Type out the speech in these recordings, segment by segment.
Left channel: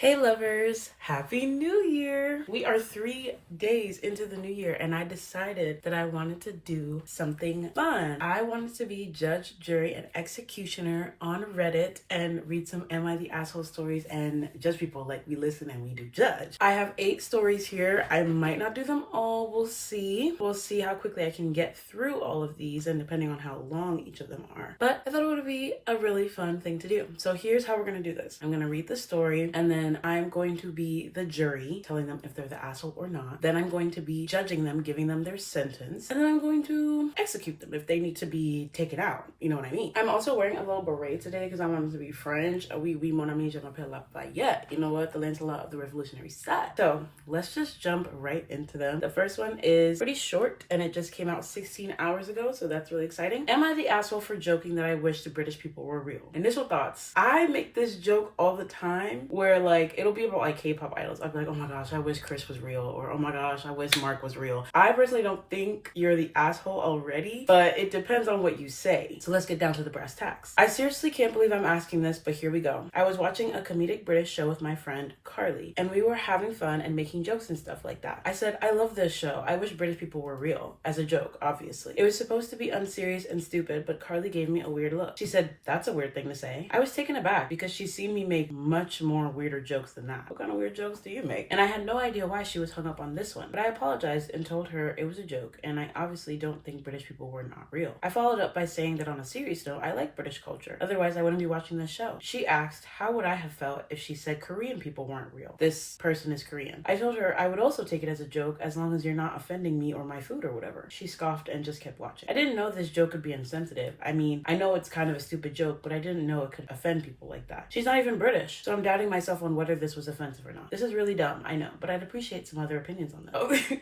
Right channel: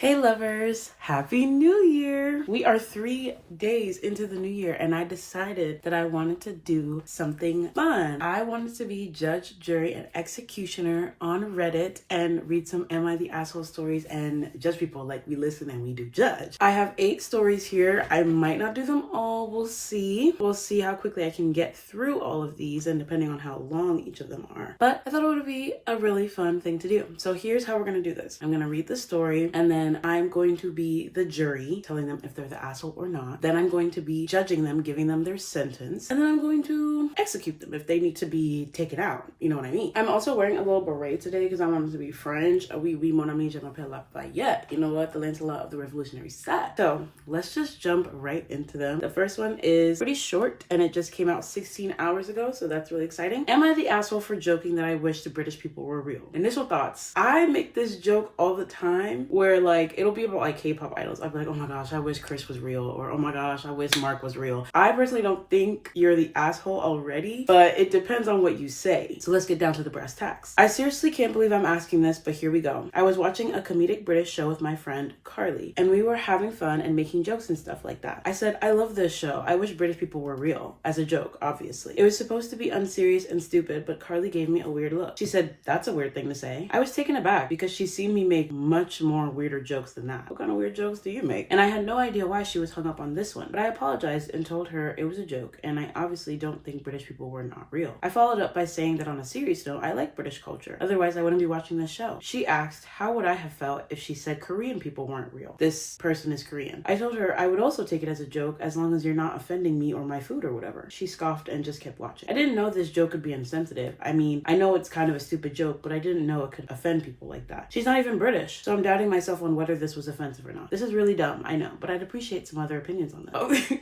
Hey lovers, happy new year. We are 3 days into the new year and I decided that I wanted to do something fun. I wanted to be judge, jury, and executioner on Reddit and read some Am I the Asshole stories and judge people like we listen and we do judge. I have 8 stories here. I might not do them all. We'll see. We'll see how quickly I can get through all of these and depending on how long each of them are. But I thought it would be a really fun thing to do. So here's how we're going to do this. I'm going to read the story and then I'm going to be the jury, telling them if they're the asshole or not. Then I'm going to be judging them, giving them their sentence. And then I'm going to execute them if they need to be taken out. You know what I mean? I'm also wearing a little beret today because I wanted to be French. Oui, mon ami, je m'appelle Lafayette. You know what? The Lancelot of the Revolutionary Side. So let's just jump right into them. The first one is pretty short and it just came out 16 hours ago. So that's really exciting. Am I the asshole for joking that I wish the British people were real? Initial thoughts. I make this joke all the time where like, it'll be about like K-pop idols. I'd be like, oh my gosh, I wish Chris was real, or oh my gosh, I wish Mark was real. I personally don't think you're the asshole already, but it depends on what you say. So let's get down to the brass tacks. I seriously can't believe I'm asking this, but here we go. I was watching a comedic British show with my friend Carly, and we were having fun and making jokes and stuff like that. I said, I love this show. I wish British people were real, as a joke, obviously. It was supposed to be unserious and stupid, but Carly gave me a weird look. She said, that's a weird thing to say. I was taken aback because she's seen me make much more weirder jokes than that. What kind of weird jokes do you make? And I had no idea why she was hung up on this one, but I apologized and told her it was a joke and I obviously don't think British people were not real. I followed up by saying that on a serious note, I like British culture. Otherwise, I wouldn't be watching this show. She asked, how would I have felt if she said Korean people weren't real? This person is Korean. I told her I would also take it as a joke as long as you're not offending me or my food or whatever. She scoffed and just kept watching. I didn't know this joke could be insensitive. I mean, I know it's kind of a stupid joke, but I didn't know it could offend people like that. She's not even British, so I'm doubting myself on whether this was offensive or not. This is really dumb, I know, but I'd appreciate some other opinions on that.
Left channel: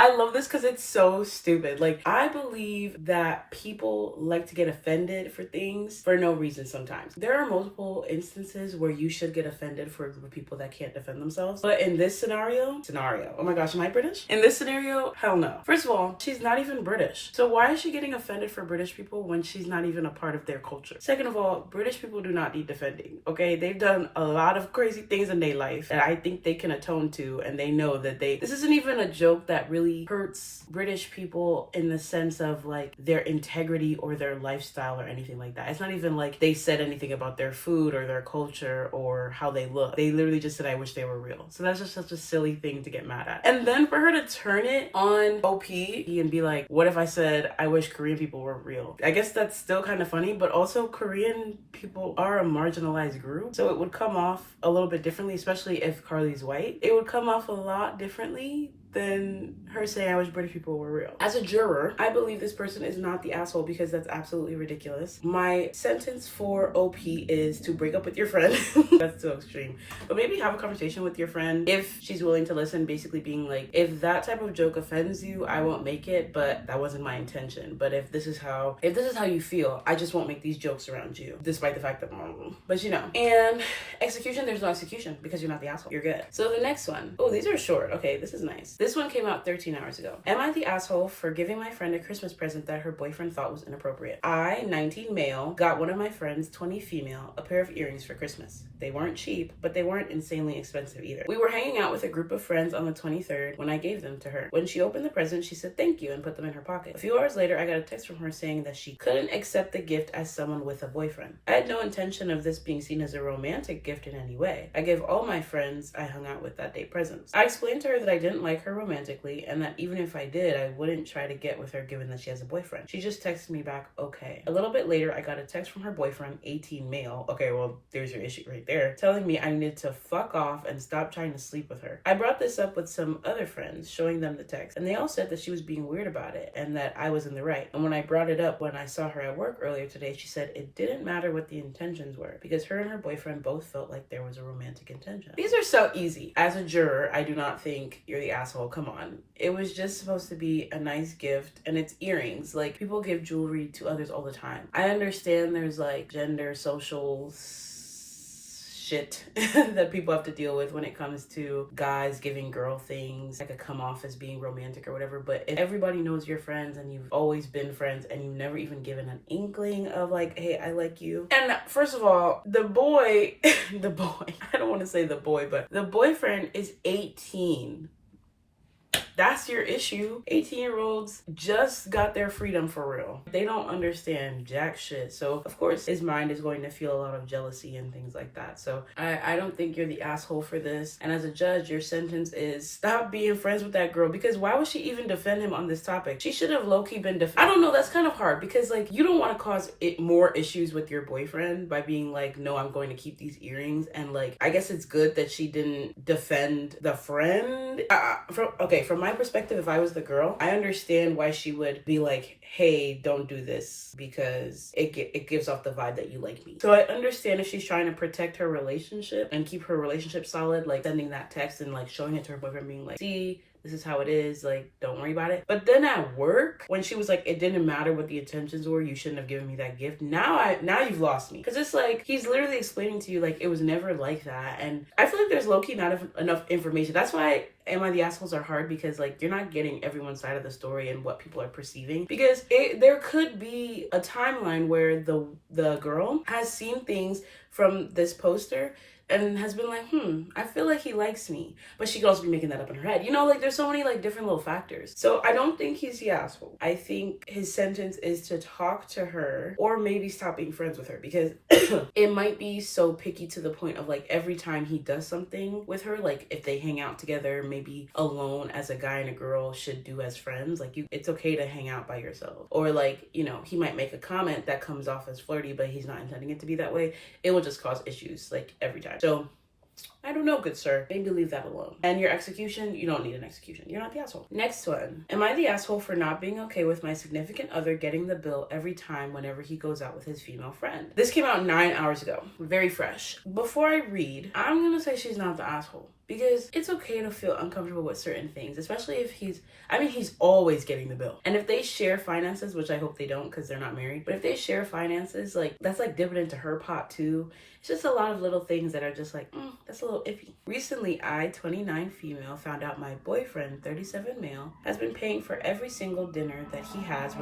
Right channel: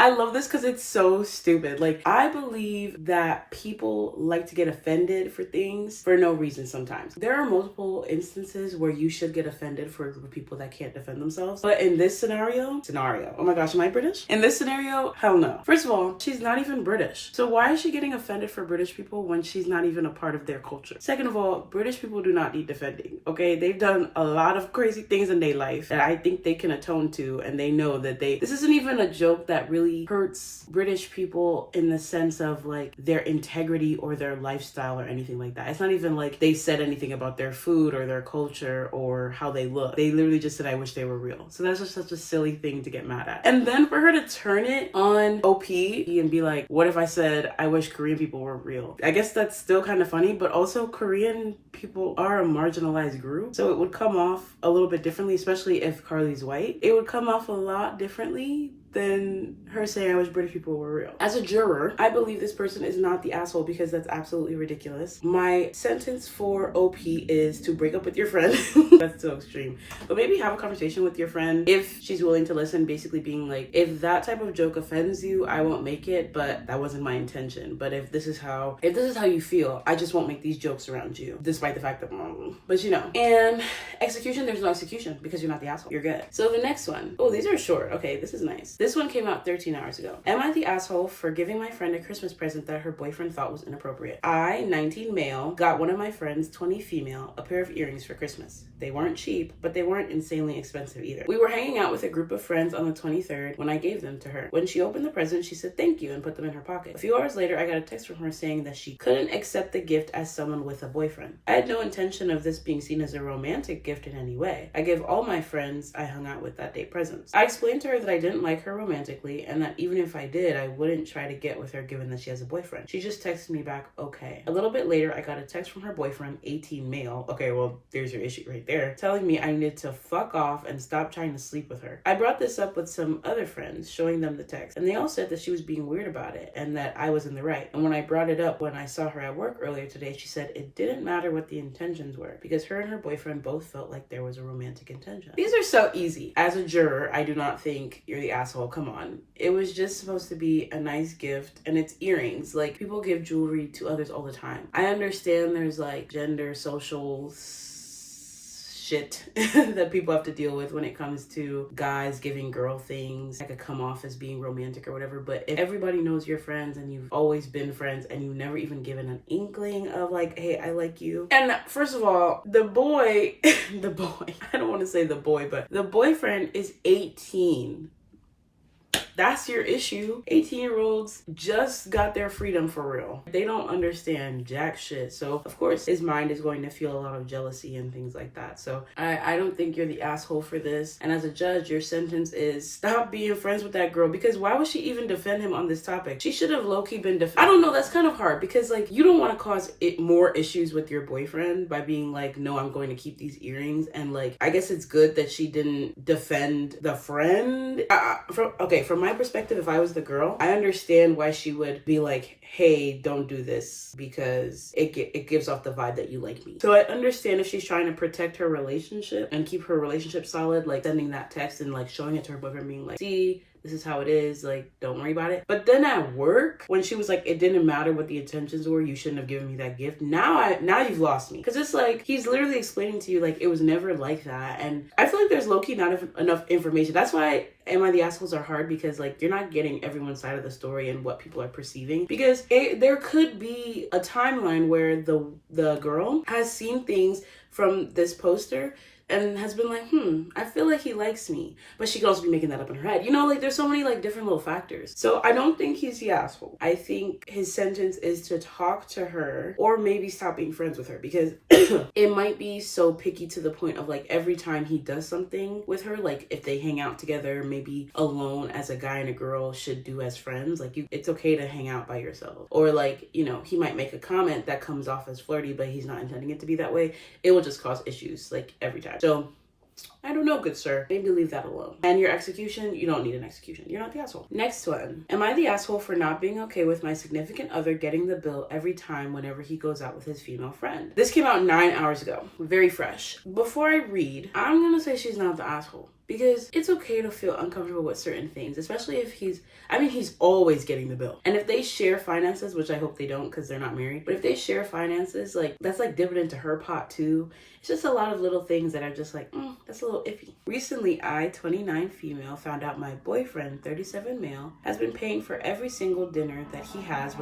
I love this because it's so stupid. Like, I believe that people like to get offended for things for no reason sometimes. There are multiple instances where you should get offended for a group of people that can't defend themselves. But in this scenario, oh my gosh, am I British? In this scenario, hell no. First of all, she's not even British. So why is she getting offended for British people when she's not even a part of their culture? Second of all, British people do not need defending, okay? They've done a lot of crazy things in their life that I think they can atone to, and they know that this isn't even a joke that really hurts British people in the sense of like their integrity or their lifestyle or anything like that. It's not even like they said anything about their food or their culture or how they look. They literally just said, I wish they were real. So that's just such a silly thing to get mad at. And then for her to turn it on OP and be like, what if I said, I wish Korean people were real? I guess that's still kind of funny, but also Korean people are a marginalized group. So it would come off a little bit differently, especially if Carly's white. It would come off a lot differently than her saying I wish British people were real. As a juror, I believe this person is not the asshole because that's absolutely ridiculous. My sentence for OP is to break up with your friend. That's so extreme. But maybe have a conversation with your friend if she's willing to listen, basically being like, if that type of joke offends you, I won't make it, but that wasn't my intention. But if this is how you feel, I just won't make these jokes around you, despite the fact that, but you know. And execution, there's no execution because you're not the asshole. You're good. So the next one, oh, these are short. Okay, this is nice. This one came out 13 hours ago. Am I the asshole for giving my friend a Christmas present that her boyfriend thought was inappropriate? I, 19 male, got one of my friends, 20 female, a pair of earrings for Christmas. They weren't cheap, but they weren't insanely expensive either. We were hanging out with a group of friends on the 23rd when I gave them to her. When she opened the present, she said thank you and put them in her pocket. A few hours later, I got a text from her saying that she couldn't accept the gift as someone with a boyfriend. I had no intention of this being seen as a romantic gift in any way. I gave all my friends I hung out with that day presents. I explained to her that I didn't like her romantically and that even if I did, I wouldn't try to get with her given that she has a boyfriend. She just texted me back, okay. A little bit later, I got a text from her boyfriend, 18 male. Okay, well, there's your issue right there. Telling me I needed to fuck off and stop trying to sleep with her. I brought this up with some other friends, showing them the text, and they all said that she was being weird about it and that I was in the right. And when I brought it up when I saw her at work earlier today, she said it didn't matter what the intentions were because her and her boyfriend both felt like there was a romantic intention. These are so easy. As a juror, I do not think you're the asshole. Come on. It was just supposed to be a nice gift, and it's earrings. Like, people give jewelry to others all the time. I understand there's like gender, social shit that people have to deal with when it comes to guys giving girl things that could come off as being romantic or whatever. But if everybody knows you're friends and you've always been friends and you've never even given an inkling of like, hey, I like you. And first of all, the boy, I don't want to say the boy, but the boyfriend is 18. That's your issue. 18-year-olds just got their freedom for real. They don't understand jack shit. So of course his mind is going to feel a lot of jealousy and things like that. So I don't think you're the asshole for this. And as a judge, your sentence is stop being friends with that girl, because why would she even defend him on this topic? She should have low-key been I don't know, that's kind of hard because like you don't want to cause it more issues with your boyfriend by being like, no, I'm going to keep these earrings. And like, I guess it's good that she didn't defend the friend. From my perspective, if I was the girl, I understand why she would be like, hey, don't do this because it gives off the vibe that you like me. So I understand if she's trying to protect her relationship and keep her relationship solid, like sending that text and like showing it to her boyfriend being like, see, this is how it is, like, don't worry about it. But then at work, when she was like, it didn't matter what the intentions were, you shouldn't have given me that gift. Now you've lost me. Because it's like, he's literally explaining to you, like, it was never like that. And I feel like there's low-key not enough information. That's why Am I the Assholes are hard, because like you're not getting everyone's side of the story and what people are perceiving. Because there could be a timeline where the girl has seen things from this poster and has been like, I feel like he likes me. But she could also be making that up in her head. You know, like there's so many like different little factors. So I don't think he's the asshole. I think his sentence is to talk to her or maybe stop being friends with her, because it might be so picky to the point of like every time he does something with her, like if they hang out together, maybe alone as a guy and a girl should do as friends. Like it's okay to hang out by yourself. Or like, you know, he might make a comment that comes off as flirty, but he's not intending it to be that way. It will just cause issues like every time. So I don't know, good sir. Maybe leave that alone. And your execution, you don't need an execution. You're not the asshole. Next one. Am I the asshole for not being okay with my significant other getting the bill every time whenever he goes out with his female friend? This came out 9 hours ago. Very fresh. Before I read, I'm gonna say she's not the asshole. Because it's okay to feel uncomfortable with certain things, especially if he's always getting the bill. And if they share finances, which I hope they don't because they're not married, but if they share finances, like that's like dipping into her pot too. It's just a lot of little things that are just like, that's a little iffy. Recently, I, 29 female, found out my boyfriend, 37 male, has been paying for every single dinner that he has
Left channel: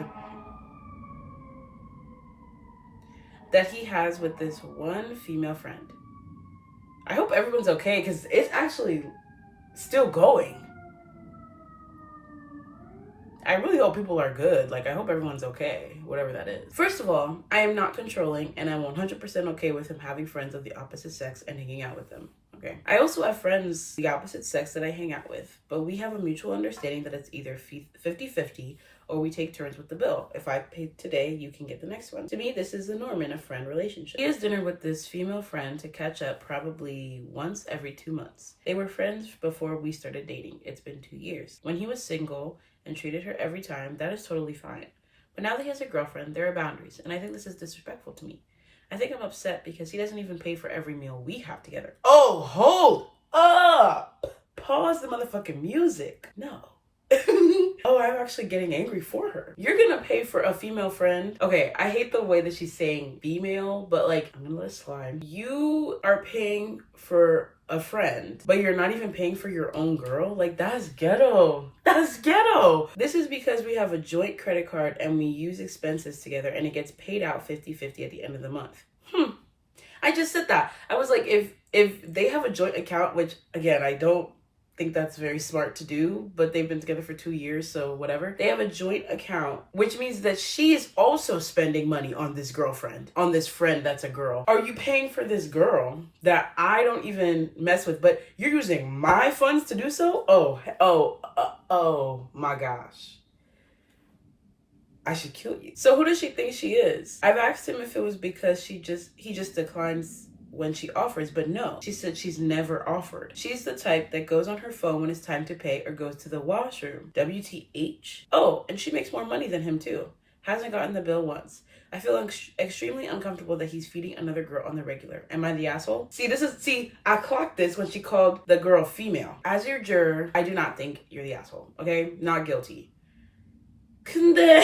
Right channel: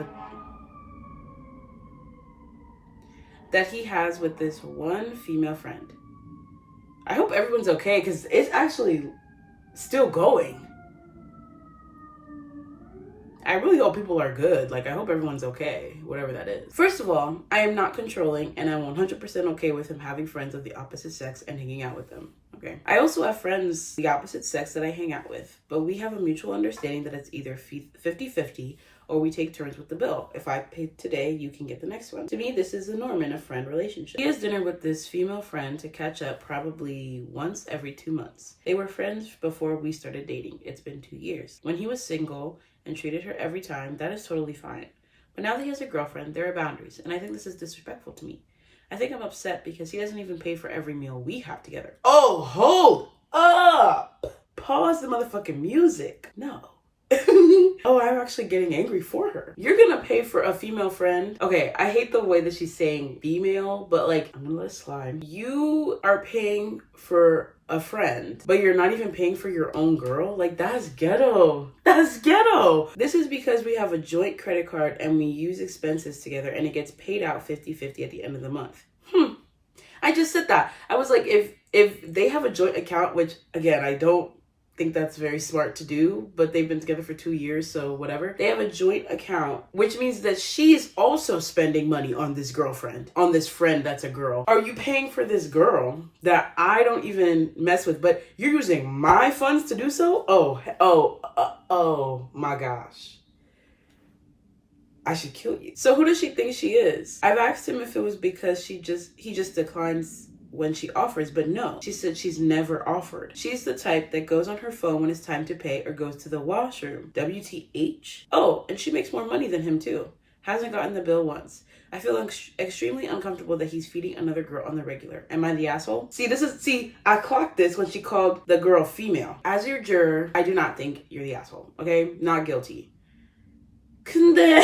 with this one female friend. I hope everyone's okay because it's actually still going. I really hope people are good. Like, I hope everyone's okay, whatever that is. First of all, I am not controlling and I'm 100% okay with him having friends of the opposite sex and hanging out with them. Okay. I also have friends the opposite sex that I hang out with, but we have a mutual understanding that it's either 50-50 or we take turns with the bill. If I pay today, you can get the next one. To me, this is the norm in a friend relationship. He has dinner with this female friend to catch up probably once every 2 months. They were friends before we started dating. It's been 2 years. When he was single and treated her every time, that is totally fine. But now that he has a girlfriend, there are boundaries, and I think this is disrespectful to me. I think I'm upset because he doesn't even pay for every meal we have together. Oh, hold up! Pause the motherfucking music. No. Oh, I'm actually getting angry for her. You're gonna pay for a female friend. Okay, I hate the way that she's saying female, but like, I'm gonna let it slide. You are paying for a friend, but you're not even paying for your own girl? Like, that's ghetto. That's ghetto. This is because we have a joint credit card and we use expenses together and it gets paid out 50-50 at the end of the month. I just said that. I was like, if they have a joint account, which again, I don't think that's very smart to do, but they've been together for 2 years, so whatever. They have a joint account, which means that she is also spending money on this girlfriend, on this friend that's a girl. Are you paying for this girl that I don't even mess with, but you're using my funds to do so? Oh my gosh. I should kill you. So who does she think she is? I've asked him if it was because he just declines when she offers, but no. She said she's never offered. She's the type that goes on her phone when it's time to pay or goes to the washroom. WTH? Oh, and she makes more money than him too. Hasn't gotten the bill once. I feel extremely uncomfortable that he's feeding another girl on the regular. Am I the asshole? See, I clocked this when she called the girl female. As your juror, I do not think you're the asshole, okay? Not guilty. 근데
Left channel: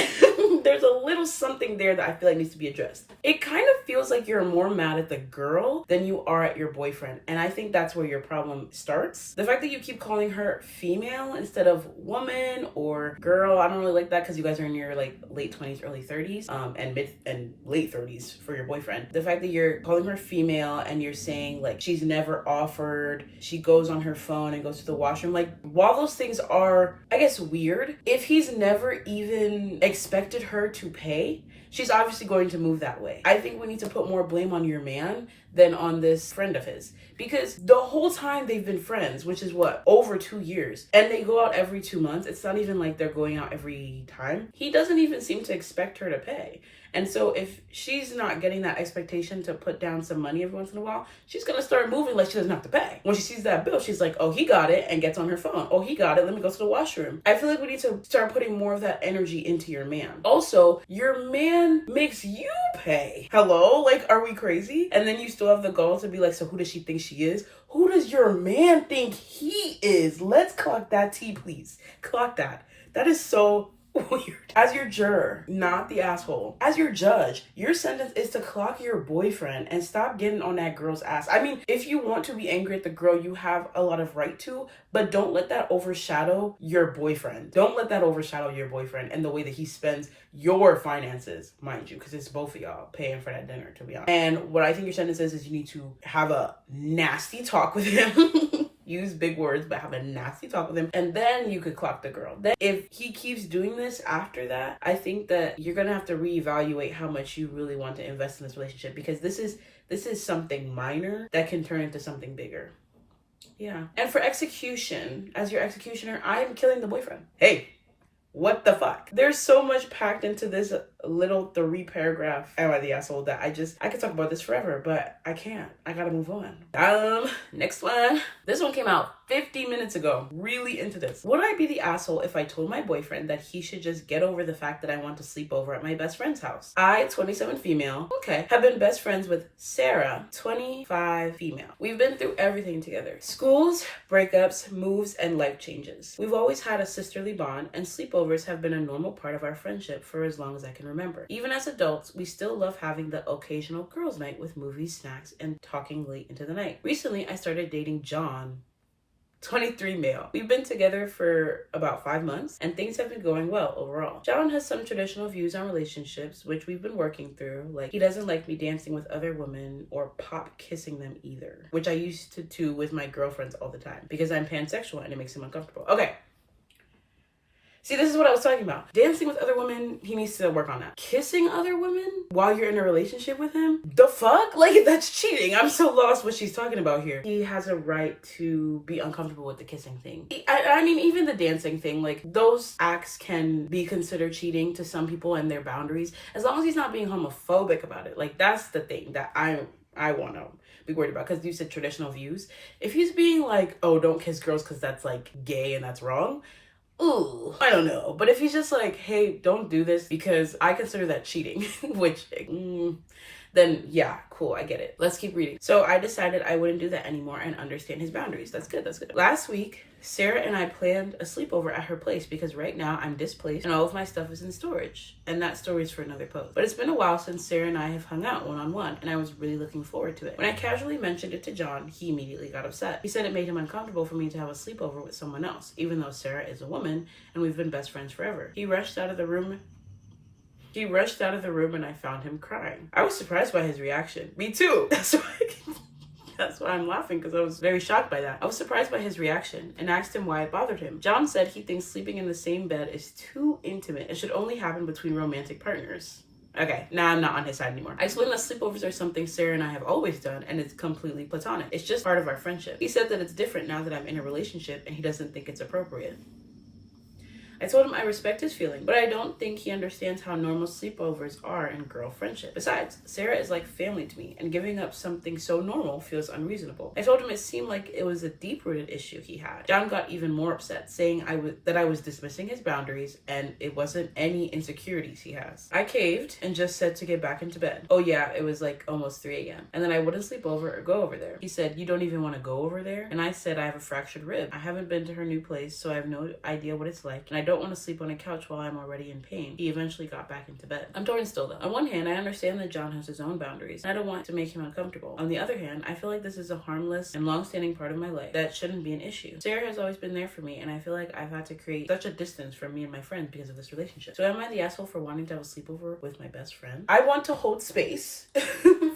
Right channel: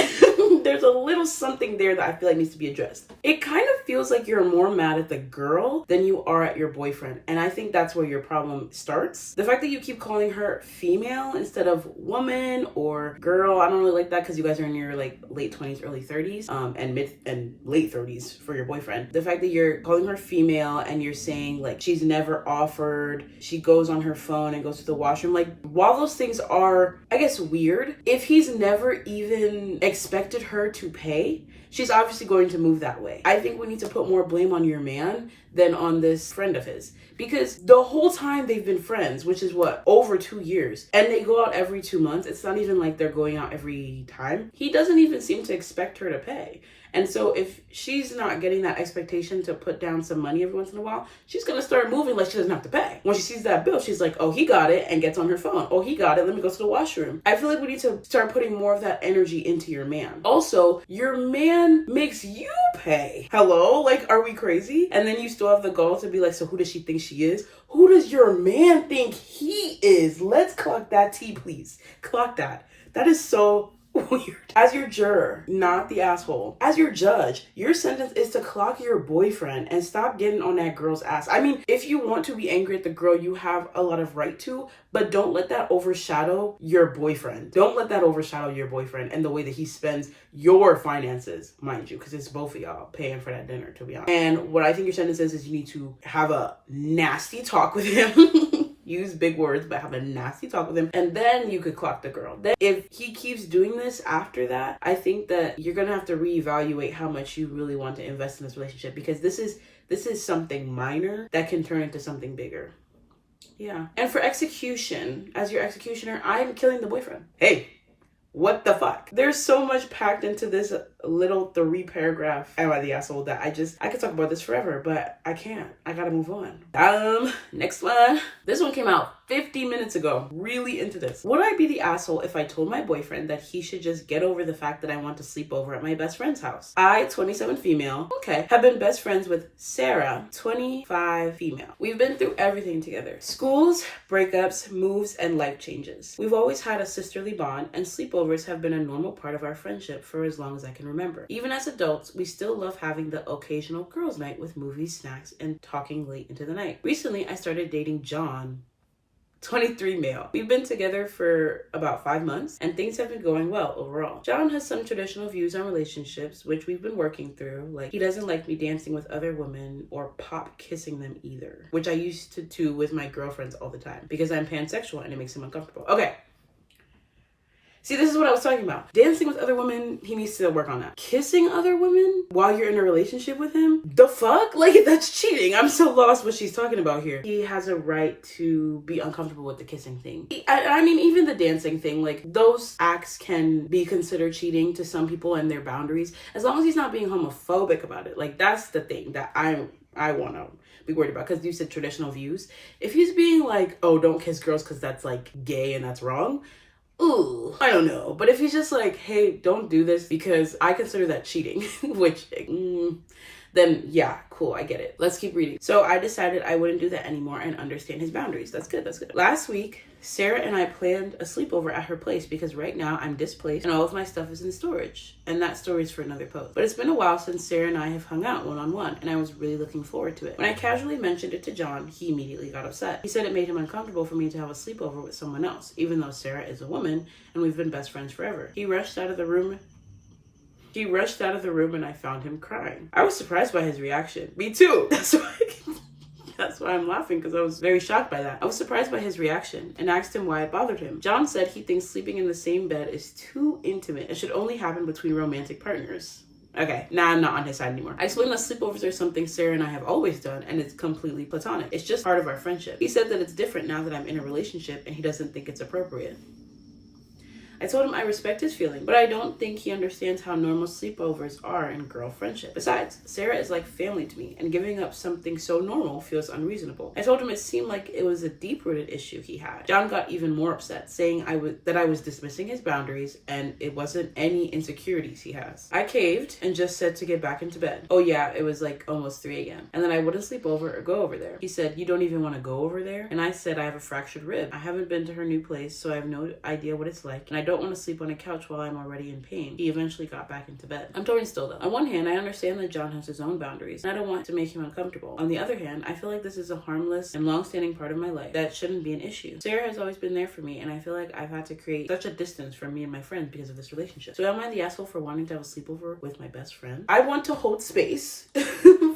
there's a little something there that I feel like needs to be addressed. It kind of feels like you're more mad at the girl than you are at your boyfriend. And I think that's where your problem starts. The fact that you keep calling her female instead of woman or girl, I don't really like that because you guys are in your like late 20s, early 30s, and mid and late 30s for your boyfriend. The fact that you're calling her female and you're saying like she's never offered, she goes on her phone and goes to the washroom. Like, while those things are, I guess, weird, if he's never even expected her to pay, she's obviously going to move that way. I think we need to put more blame on your man than on this friend of his, because the whole time they've been friends, which is what, over 2 years, and they go out every 2 months. It's not even like they're going out every time. He doesn't even seem to expect her to pay. And so if she's not getting that expectation to put down some money every once in a while, she's going to start moving like she doesn't have to pay. When she sees that bill, she's like, oh, he got it, and gets on her phone. Oh, he got it. Let me go to the washroom. I feel like we need to start putting more of that energy into your man. Also, your man makes you pay. Hello? Like, are we crazy? And then you still have the gall to be like, so who does she think she is? Who does your man think he is? Let's clock that T, please. Clock that. That is so weird. As your juror, not the asshole. As your judge, your sentence is to clock your boyfriend and stop getting on that girl's ass. I mean, if you want to be angry at the girl, you have a lot of right to, but don't let that overshadow your boyfriend. Don't let that overshadow your boyfriend and the way that he spends your finances, mind you, because it's both of y'all paying for that dinner, to be honest. And what I think your sentence is you need to have a nasty talk with him. Use big words, but have a nasty talk with him, and then you could clock the girl. Then if he keeps doing this after that, I think that you're gonna have to reevaluate how much you really want to invest in this relationship, because this is something minor that can turn into something bigger. Yeah. And for execution, as your executioner, I'm killing the boyfriend. Hey, what the fuck? There's so much packed into this little 3-paragraph am I the asshole that I could talk about this forever, but I can't. I gotta move on. Next one. This one came out 50 minutes ago. Really into this. Would I be the asshole if I told my boyfriend that he should just get over the fact that I want to sleep over at my best friend's house? I, 27 female, okay, have been best friends with Sarah, 25 female. We've been through everything together. Schools, breakups, moves, and life changes. We've always had a sisterly bond, and sleepovers have been a normal part of our friendship for as long as I can remember. Even as adults, we still love having the occasional girls' night with movies, snacks, and talking late into the night. Recently, I started dating John, 23 male. We've been together for about 5 months and things have been going well overall. John has some traditional views on relationships, which we've been working through. Like, he doesn't like me dancing with other women or pop kissing them either, which I used to do with my girlfriends all the time because I'm pansexual and it makes him uncomfortable. Okay. See, this is what I was talking about. Dancing with other women, he needs to work on that. Kissing other women while you're in a relationship with him? The fuck? Like, that's cheating. I'm so lost what she's talking about here. He has a right to be uncomfortable with the kissing thing. I mean, even the dancing thing, like, those acts can be considered cheating to some people and their boundaries, as long as he's not being homophobic about it. Like, that's the thing that I want to be worried about, because you said traditional views. If he's being like, oh, don't kiss girls because that's, like, gay and that's wrong, ooh, I don't know. But if he's just like, hey, don't do this because I consider that cheating, which, then yeah, cool, I get it. Let's keep reading. So I decided I wouldn't do that anymore and understand his boundaries. That's good, that's good. Last week, Sarah and I planned a sleepover at her place because right now I'm displaced and all of my stuff is in storage. And that story is for another post. But it's been a while since Sarah and I have hung out one-on-one and I was really looking forward to it. When I casually mentioned it to John, he immediately got upset. He said it made him uncomfortable for me to have a sleepover with someone else, even though Sarah is a woman and we've been best friends forever. He rushed out of the room and I found him crying. I was surprised by his reaction. Me too. That's why I'm laughing, because I was very shocked by that. I was surprised by his reaction and asked him why it bothered him. John said he thinks sleeping in the same bed is too intimate. It should only happen between romantic partners. Okay, now I'm not on his side anymore. I explained that sleepovers are something Sarah and I have always done, and it's completely platonic. It's just part of our friendship. He said that it's different now that I'm in a relationship and he doesn't think it's appropriate. I told him I respect his feeling, but I don't think he understands how normal sleepovers are in girl friendship. Besides, Sarah is like family to me, and giving up something so normal feels unreasonable. I told him it seemed like it was a deep-rooted issue he had. John got even more upset, saying that I was dismissing his boundaries and it wasn't any insecurities he has. I caved and just said to get back into bed. Oh yeah, it was like almost 3 a.m. And then I wouldn't sleep over or go over there. He said, you don't even want to go over there? And I said, I have a fractured rib. I haven't been to her new place, so I have no idea what it's like, and I don't don't want to sleep on a couch while I'm already in pain. He eventually got back into bed. I'm torn still though. On one hand, I understand that John has his own boundaries, and I don't want to make him uncomfortable. On the other hand, I feel like this is a harmless and long-standing part of my life that shouldn't be an issue. Sarah has always been there for me, and I feel like I've had to create such a distance from me and my friends because of this relationship. So am I the asshole for wanting to have a sleepover with my best friend? I want to hold space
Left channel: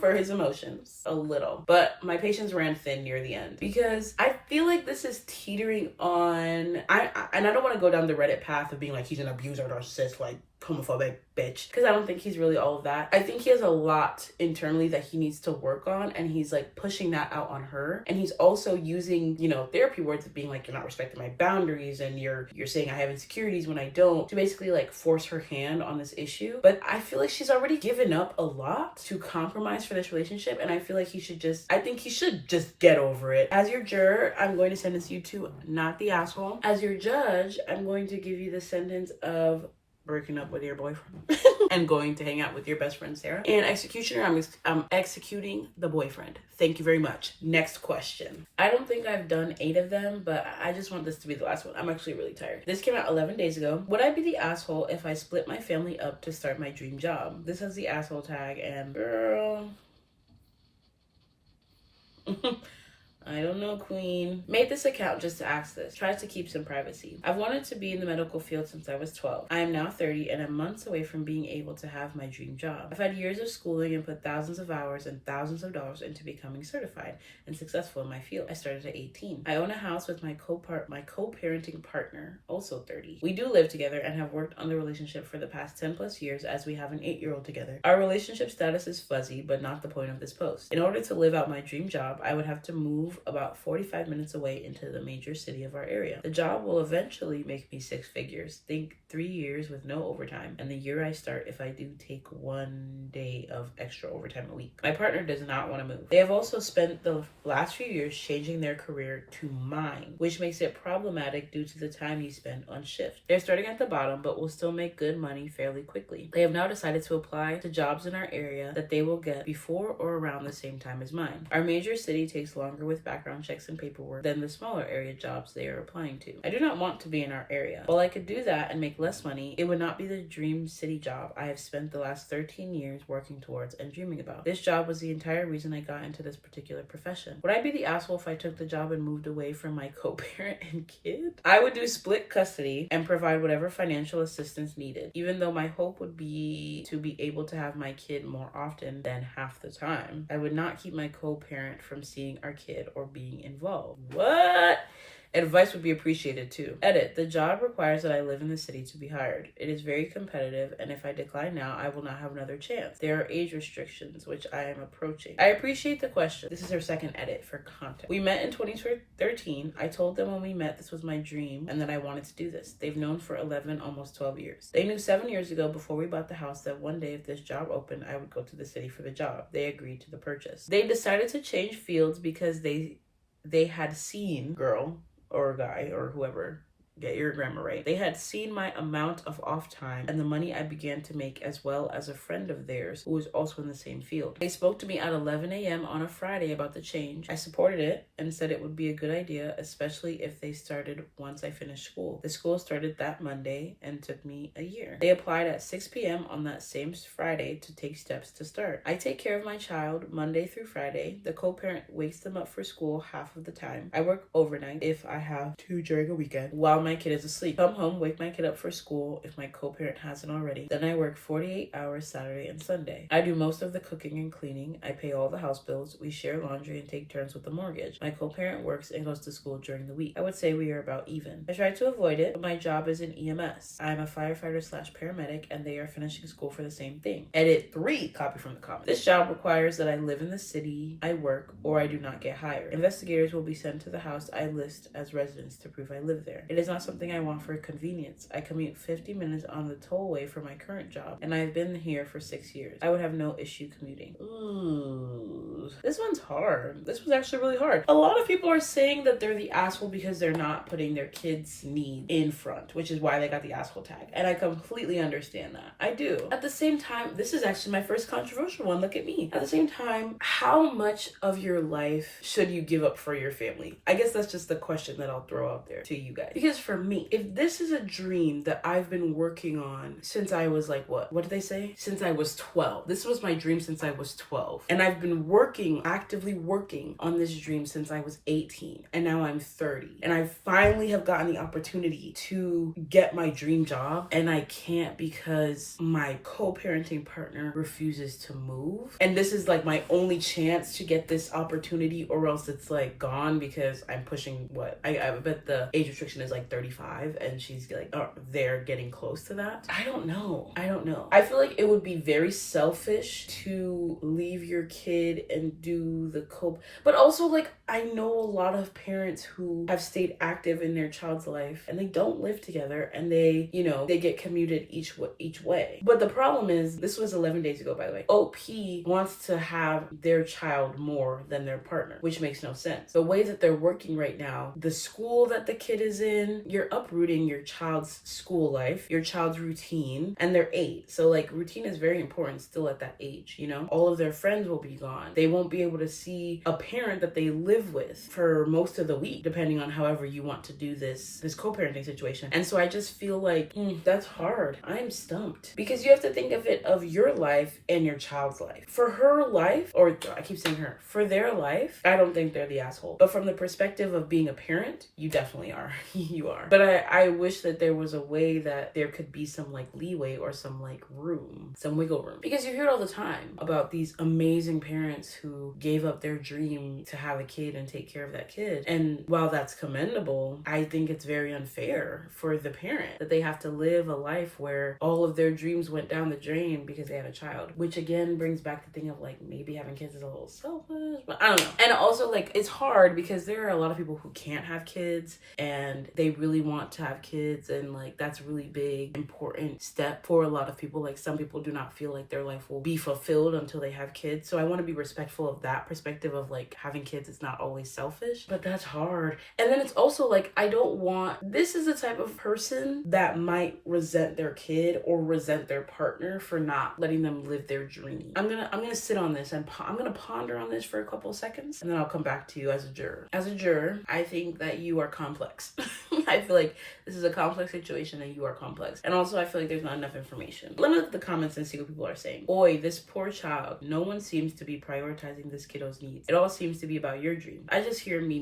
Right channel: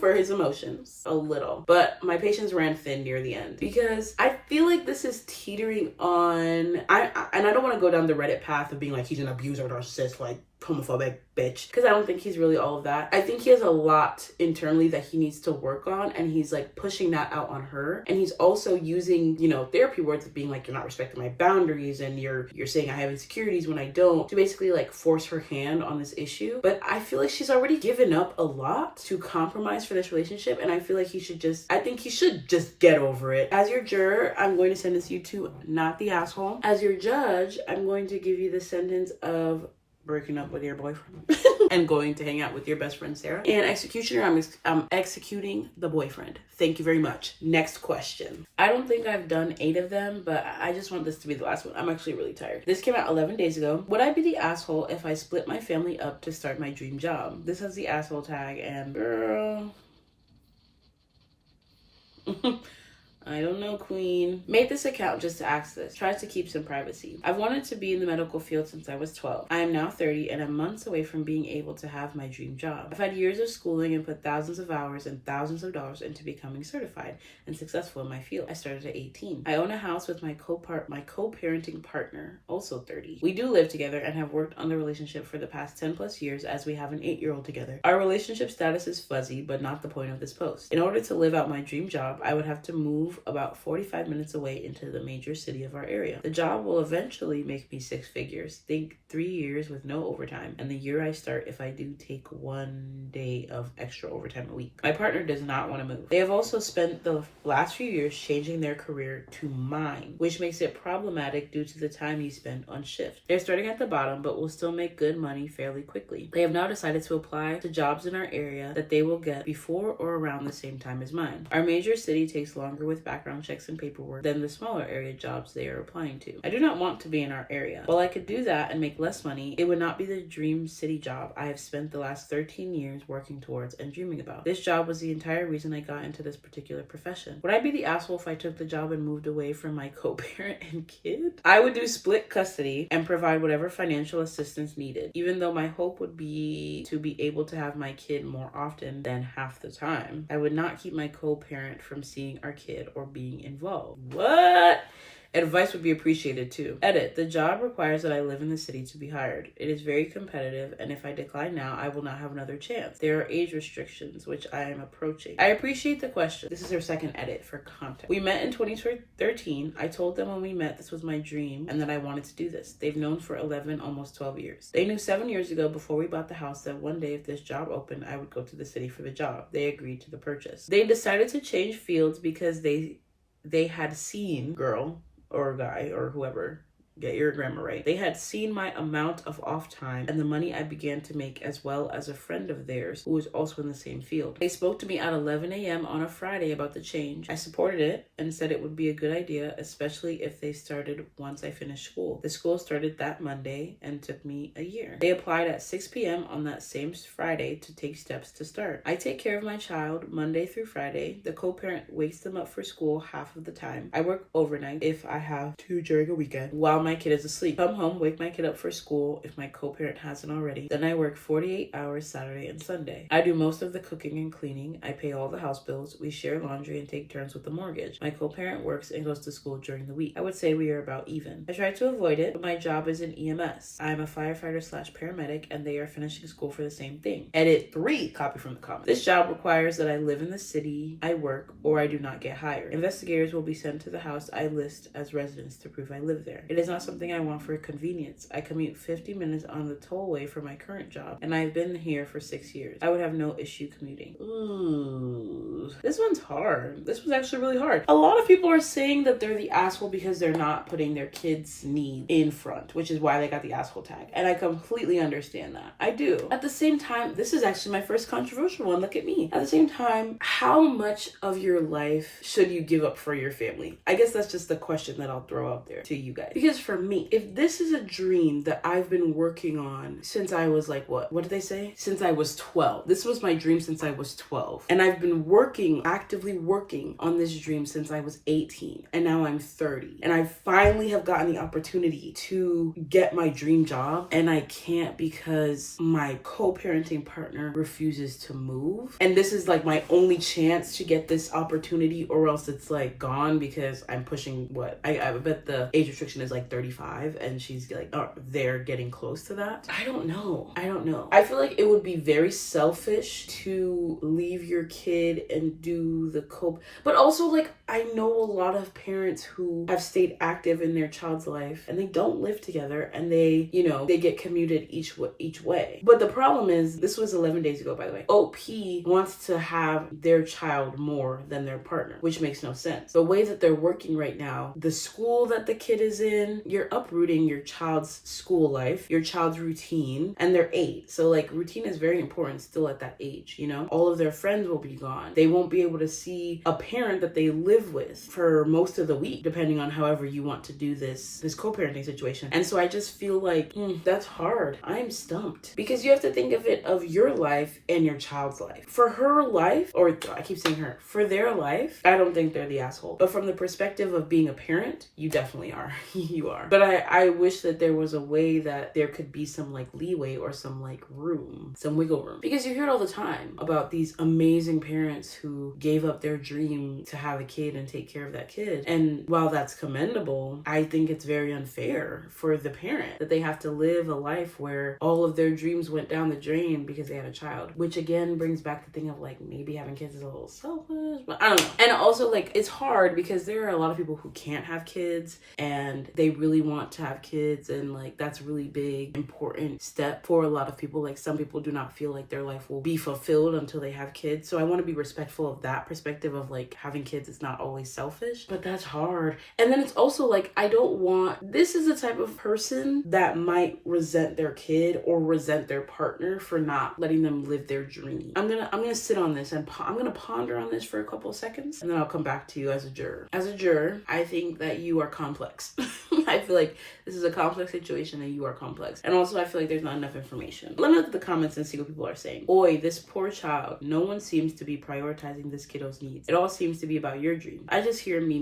for his emotions a little, but my patience ran thin near the end because I feel like this is teetering on, I don't want to go down the Reddit path of being like he's an abuser, narcissist, like homophobic bitch, because I don't think he's really all of that. I think he has a lot internally that he needs to work on, and he's like pushing that out on her. And he's also using, you know, therapy words of being like, you're not respecting my boundaries, and you're saying I have insecurities when I don't, to basically like force her hand on this issue. But I feel like she's already given up a lot to compromise for this relationship, and I feel like he should just get over it. As your juror, I'm going to sentence you to not the asshole. As your judge, I'm going to give you the sentence of breaking up with your boyfriend and going to hang out with your best friend Sarah. And executioner, I'm executing the boyfriend. Thank you very much. Next question. I don't think I've done 8 of them, but I just want this to be the last one. I'm actually really tired. This came out 11 days ago. Would I be the asshole if I split my family up to start my dream job? This has the asshole tag, and girl, I don't know, queen. Made this account just to ask this. Tried to keep some privacy. I've wanted to be in the medical field since I was 12. I am now 30 and I'm months away from being able to have my dream job. I've had years of schooling and put thousands of hours and thousands of dollars into becoming certified and successful in my field. I started at 18. I own a house with my co-parenting partner, also 30. We do live together and have worked on the relationship for the past 10 plus years as we have an 8-year-old together. Our relationship status is fuzzy, but not the point of this post. In order to live out my dream job, I would have to move about 45 minutes away into the major city of our area. The job will eventually make me 6 figures. Think 3 years with no overtime, and the year I start if I do take 1 day of extra overtime a week. My partner does not want to move. They have also spent the last few years changing their career to mine, which makes it problematic due to the time you spend on shift. They're starting at the bottom, but will still make good money fairly quickly. They have now decided to apply to jobs in our area that they will get before or around the same time as mine. Our major city takes longer with background checks and paperwork than the smaller area jobs they are applying to. I do not want to be in our area. While I could do that and make less money, it would not be the dream city job I have spent the last 13 years working towards and dreaming about. This job was the entire reason I got into this particular profession. Would I be the asshole if I took the job and moved away from my co-parent and kid? I would do split custody and provide whatever financial assistance needed, even though my hope would be to be able to have my kid more often than half the time. I would not keep my co-parent from seeing our kid or being involved. What? Advice would be appreciated too. Edit. The job requires that I live in the city to be hired. It is very competitive, and if I decline now, I will not have another chance. There are age restrictions, which I am approaching. I appreciate the question. This is her second edit for context. We met in 2013. I told them when we met this was my dream and that I wanted to do this. They've known for 11, almost 12 years. They knew 7 years ago before we bought the house that one day if this job opened, I would go to the city for the job. They agreed to the purchase. They decided to change fields because they had seen, girl, or guy, or whoever, get your grammar right. They had seen my amount of off time and the money I began to make, as well as a friend of theirs who was also in the same field. They spoke to me at 11 a.m. on a Friday about the change. I supported it and said it would be a good idea, especially if they started once I finished school. The school started that Monday and took me a year. They applied at 6 p.m. on that same Friday to take steps to start. I take care of my child Monday through Friday. The co-parent wakes them up for school half of the time. I work overnight if I have to during a weekend while my kid is asleep. Come home, wake my kid up for school if my co-parent hasn't already. Then I work 48 hours Saturday and Sunday. I do most of the cooking and cleaning. I pay all the house bills. We share laundry and take turns with the mortgage. My co-parent works and goes to school during the week. I would say we are about even. I try to avoid it, but my job is in EMS. I am a firefighter/paramedic and they are finishing school for the same thing. Edit 3, copy from the comments. This job requires that I live in the city I work or I do not get hired. Investigators will be sent to the house I list as residence to prove I live there. It is not something I want for convenience. I commute 50 minutes on the tollway for my current job, and I've been here for 6 years. I would have no issue commuting. Ooh, this one's hard. This was actually really hard. A lot of people are saying that they're the asshole because they're not putting their kids' need in front, which is why they got the asshole tag. And I completely understand that. I do. At the same time, this is actually my first controversial one. Look at me. At the same time, how much of your life should you give up for your family? I guess that's just the question that I'll throw out there to you guys. Because for me. If this is a dream that I've been working on since I was like, what did they say? Since I was 12. This was my dream since I was 12. And I've been actively working on this dream since I was 18. And now I'm 30. And I finally have gotten the opportunity to get my dream job. And I can't because my co-parenting partner refuses to move. And this is like my only chance to get this opportunity, or else it's like gone because I'm pushing I bet the age restriction is like 35 and she's like, they're getting close to that. I don't know. I feel like it would be very selfish to leave your kid and do the cope. But also, like, I know a lot of parents who have stayed active in their child's life and they don't live together and they get commuted each way. But the problem is, this was 11 days ago, by the way. OP wants to have their child more than their partner, which makes no sense. The way that they're working right now, the school that the kid is in, you're uprooting your child's school life, your child's routine, and they're 8. So like, routine is very important still at that age, all of their friends will be gone. They won't be able to see a parent that they live with for most of the week, depending on however you want to do this co-parenting situation. And so I just feel like that's hard. I'm stumped because you have to think of your life and your child's life. For her life, or I keep saying her, for their life, I don't think they're the asshole. But from the perspective of being a parent, you definitely are. You are. But I wish that there was a way that there could be some like leeway or some like room, some wiggle room. Because you hear it all the time about these amazing parents who gave up their dream to have a kid and take care of that kid. And while that's commendable, I think it's very unfair for the parent that they have to live a life where all of their dreams went down the drain because they had a child. Which again brings back the thing of like, maybe having kids is a little selfish, but I don't know. And also, like, it's hard because there are a lot of people who can't have kids and they really want to have kids, and like that's a really big important step for a lot of people. Like, some people do not feel like their life will be fulfilled until they have kids. So I want to be respectful of that perspective of like, having kids is not always selfish, but that's hard. And then it's also like, this is the type of person that might resent their kid or resent their partner for not letting them live their dream. I'm gonna sit on this and I'm gonna ponder on this for a couple of seconds, and then I'll come back to you as a juror. As a juror, I think that you are complex. I feel like this is a complex situation and you are complex. And also I feel like there's not enough information. Let me look at the comments and see what people are saying. Oi, this poor child. No one seems to be prioritizing this kiddo's needs. It all seems to be about your dream. I just hear me.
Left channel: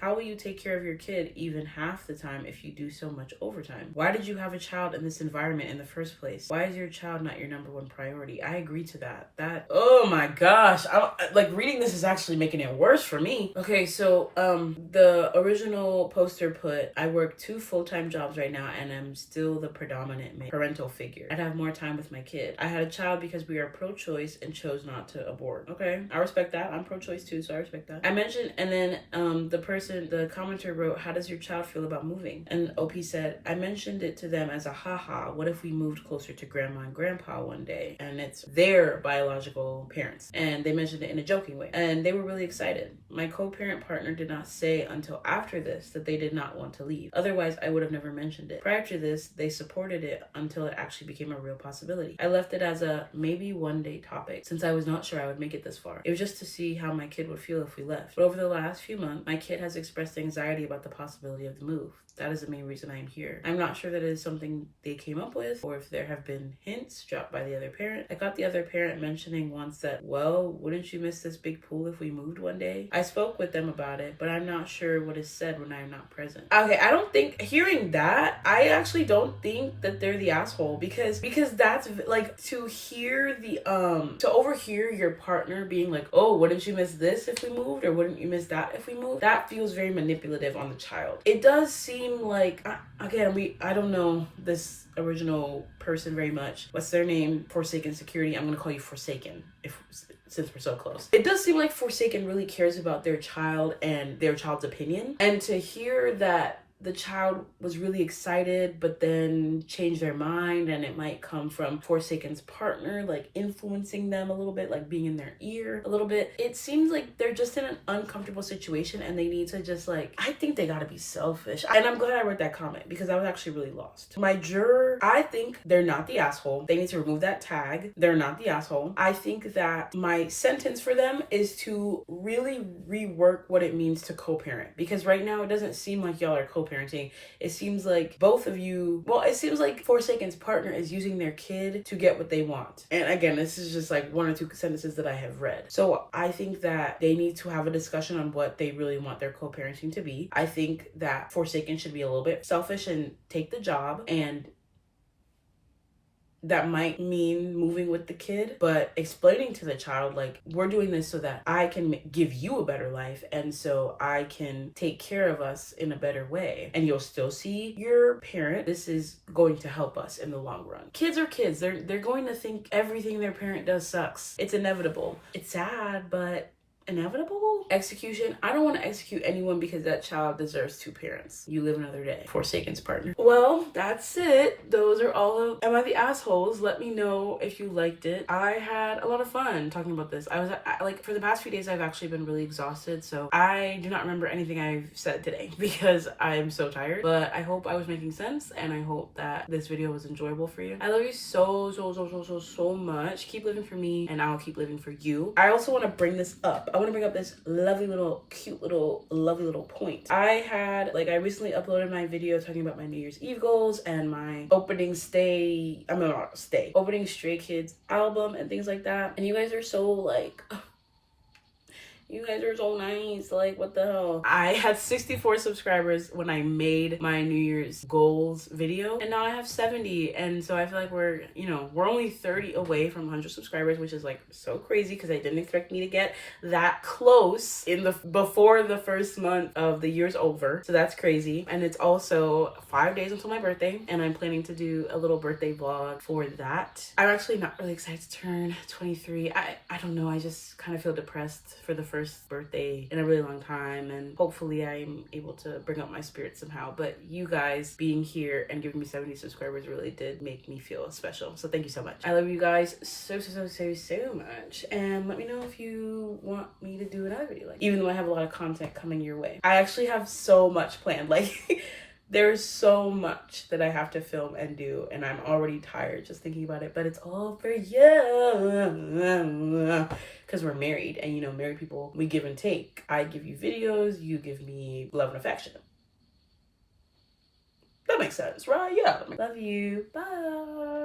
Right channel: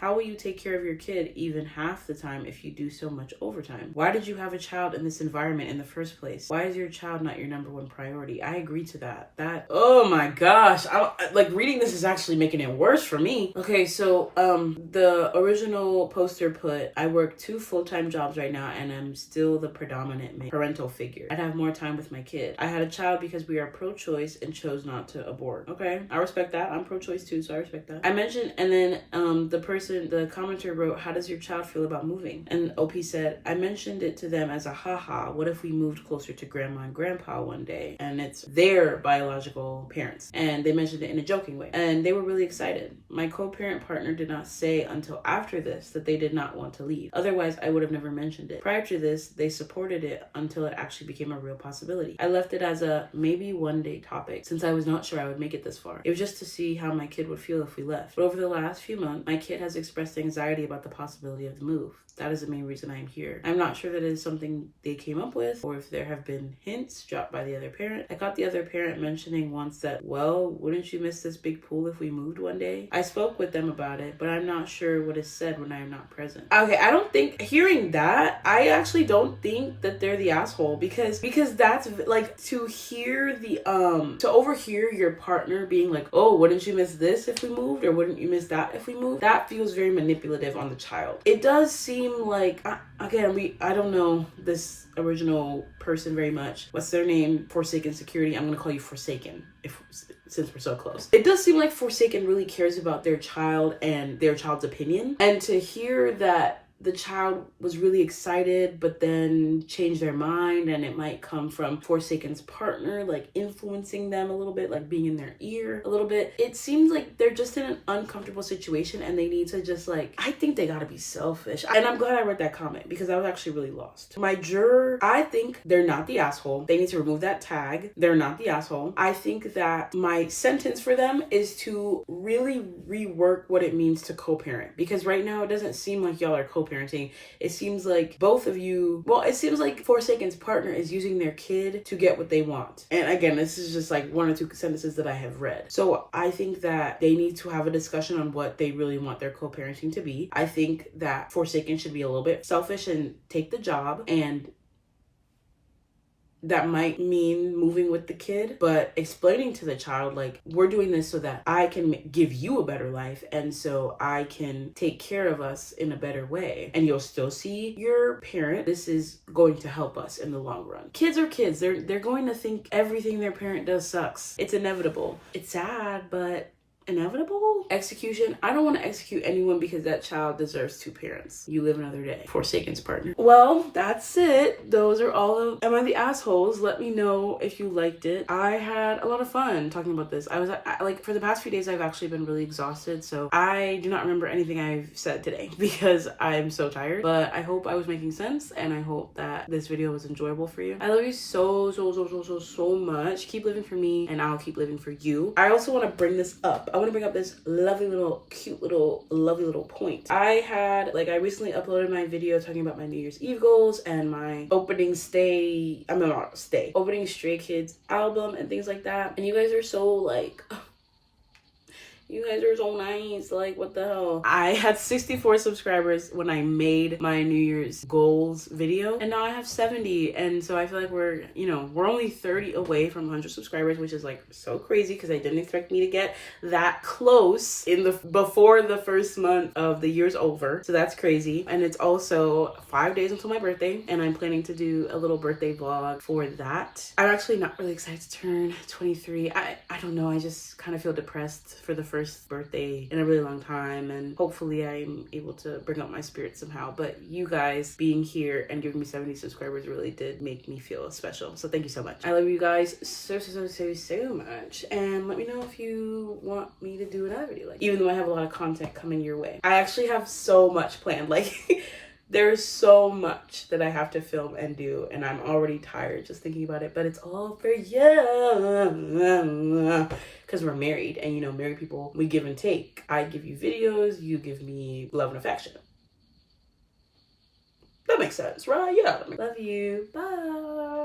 How will you take care of your kid even half the time if you do so much overtime? Why did you have a child in this environment in the first place? Why is your child not your number one priority? I agree to that. Oh my gosh. Like, reading this is actually making it worse for me. Okay, so the original poster put, I work 2 full-time jobs right now and I'm still the predominant parental figure. I'd have more time with my kid. I had a child because we are pro-choice and chose not to abort. Okay, I respect that. I'm pro-choice too, so I respect that. I mentioned, and then the commenter wrote, how does your child feel about moving? And OP said, I mentioned it to them as a haha, what if we moved closer to grandma and grandpa one day? And it's their biological parents. And they mentioned it in a joking way. And they were really excited. My co-parent partner did not say until after this that they did not want to leave. Otherwise, I would have never mentioned it. Prior to this, they supported it until it actually became a real possibility. I left it as a maybe one day topic since I was not sure I would make it this far. It was just to see how my kid would feel if we left. But over the last few months, my kid has expressed anxiety about the possibility of the move. That is the main reason I am here. I'm not sure that it is something they came up with or if there have been hints dropped by the other parent. I got the other parent mentioning once that, well, wouldn't you miss this big pool if we moved one day? I spoke with them about it, but I'm not sure what is said when I am not present. Okay, I don't think, hearing that, I actually don't think that they're the asshole because that's like, to overhear your partner being like, oh, wouldn't you miss this if we moved? Or wouldn't you miss that if we moved? That feels very manipulative on the child. It does seem like, again, I don't know this original person very much. What's their name? Forsaken Security. I'm gonna call you Forsaken since we're so close. It does seem like Forsaken really cares about their child and their child's opinion. And to hear that the child was really excited but then changed their mind, and it might come from Forsaken's partner like influencing them a little bit, like being in their ear a little bit. It seems like they're just in an uncomfortable situation and they need to just like, I think they gotta be selfish. And I'm glad I read that comment because I was actually really lost. My juror, I think they're not the asshole. They need to remove that tag. They're not the asshole. I think that my sentence for them is to really rework what it means to co-parent, because right now it doesn't seem like y'all are co-parenting. co-parenting, it seems like both of you, well, it seems like Forsaken's partner is using their kid to get what they want. And again, this is just like 1 or 2 sentences that I have read. So I think that they need to have a discussion on what they really want their co-parenting to be. I think that Forsaken should be a little bit selfish and take the job, and that might mean moving with the kid, but explaining to the child, like, we're doing this so that I can give you a better life, and so I can take care of us in a better way, and you'll still see your parent. This is going to help us in the long run. Kids are kids. They're going to think everything their parent does sucks. It's inevitable. It's sad, but inevitable. Execution. I don't want to execute anyone because that child deserves 2 parents. You live another day. Forsaken's partner. Well, that's it. Those are all of Am I the Assholes? Let me know if you liked it. I had a lot of fun talking about this. I was like, for the past few days, I've actually been really exhausted, so I do not remember anything I've said today because I'm so tired, but I hope I was making sense, and I hope that this video was enjoyable for you. I love you so much. Keep living for me, and I'll keep living for you. I also want to bring this up. I want to bring up this lovely little, cute little, lovely little point. I recently uploaded my video talking about my New Year's Eve goals and my opening Stray Kids album and things like that. And you guys are so like, you guys are so nice. Like, what the hell? I had 64 subscribers when I made my New Year's goals video, and now I have 70. And so I feel like we're only 30 away from 100 subscribers, which is like so crazy because I didn't expect me to get that close before the first month of the year's over. So that's crazy. And it's also 5 days until my birthday, and I'm planning to do a little birthday vlog for that. I'm actually not really excited to turn 23. I don't know. I just kind of feel depressed for the first birthday in a really long time, and hopefully I'm able to bring up my spirits somehow. But you guys being here and giving me 70 subscribers really did make me feel special, so thank you so much. I love you guys so much, and let me know if you want me to do another video, like, even though I have a lot of content coming your way. I actually have so much planned, like there's so much that I have to film and do, and I'm already tired just thinking about it, but it's all for you. Because we're married, and married people, we give and take. I give you videos, you give me love and affection. That makes sense, right? Yeah. Love you. Bye.